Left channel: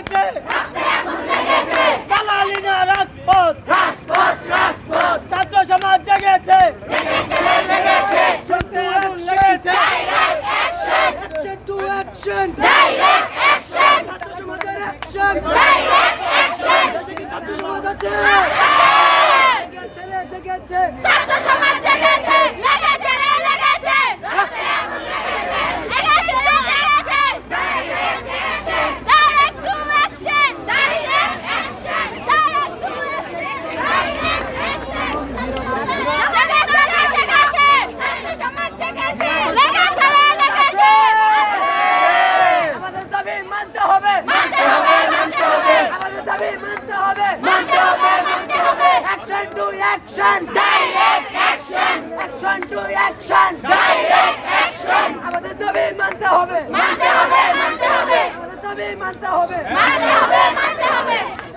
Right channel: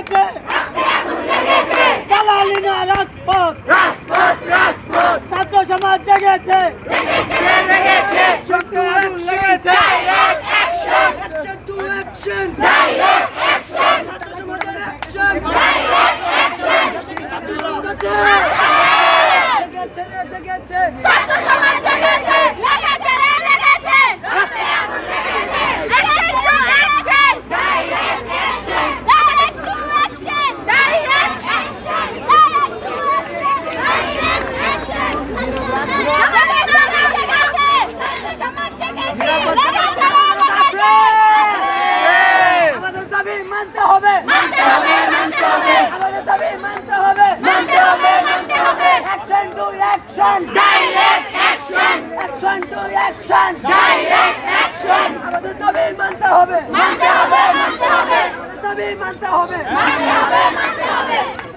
লেগেছে দালালি না রাজপথ। ছাত্র সমাজ জেগেছে। সত্যি আগুন লেগেছে! ছাত্র সমাজের action! ছাত্র সমাজ আছে? জেগেছে ছাত্র সমাজ জেগেছে। লেগেছে হাতে আগুন লেগেছে action to action direct action direct to action direct action direct to action direct action আমাদের সমাজ জেগেছে ছাত্র সমাজ জেগেছে লেগেছে রে লেগেছে আমাদের দাবি মানতে হবে। মানতে হবে মানতে হবে। আমাদের দাবি মানতে হবে। মানতে হবে মানতে হবে। Action to action direct action action to action direct action আমাদের দাবি মানতে হবে। মানতে হবে মানতে হবে। আমাদের দাবি মানতে হবে। মানতে হবে মানতে হবে।